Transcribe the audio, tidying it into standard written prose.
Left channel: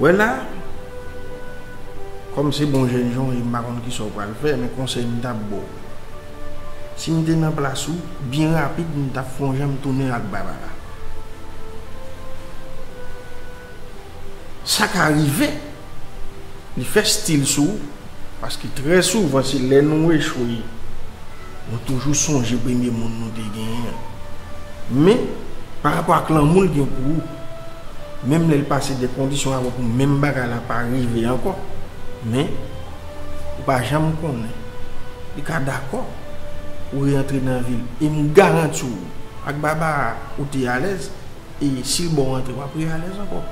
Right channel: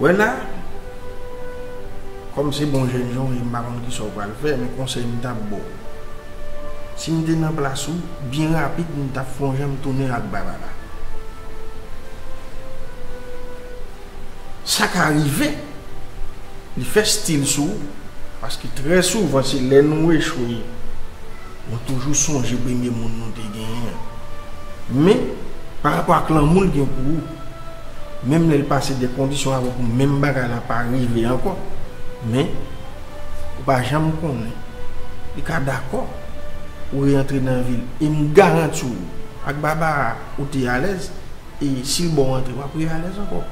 Ouais là, comme c'est bon jeune gens, il m'a qui sont pas le faire, mais conseil d'abord. Si je suis dans place où, bien rapide, je vais plonger, je tourner avec Barbara. Ça qui arrive, il fait style sous, parce que très souvent, c'est les nous échoués. On toujours songe premier monde nous te gagné. Mais par rapport à l'amour qui est pour vous, même les passer des conditions avant pour même bagarre pas arriver encore. Mais ou pas jamais connaître. Il est d'accord ou rentrer dans la ville et me garantit avec Baba ou tu es à l'aise et si le bon rentrer pas pour à l'aise encore.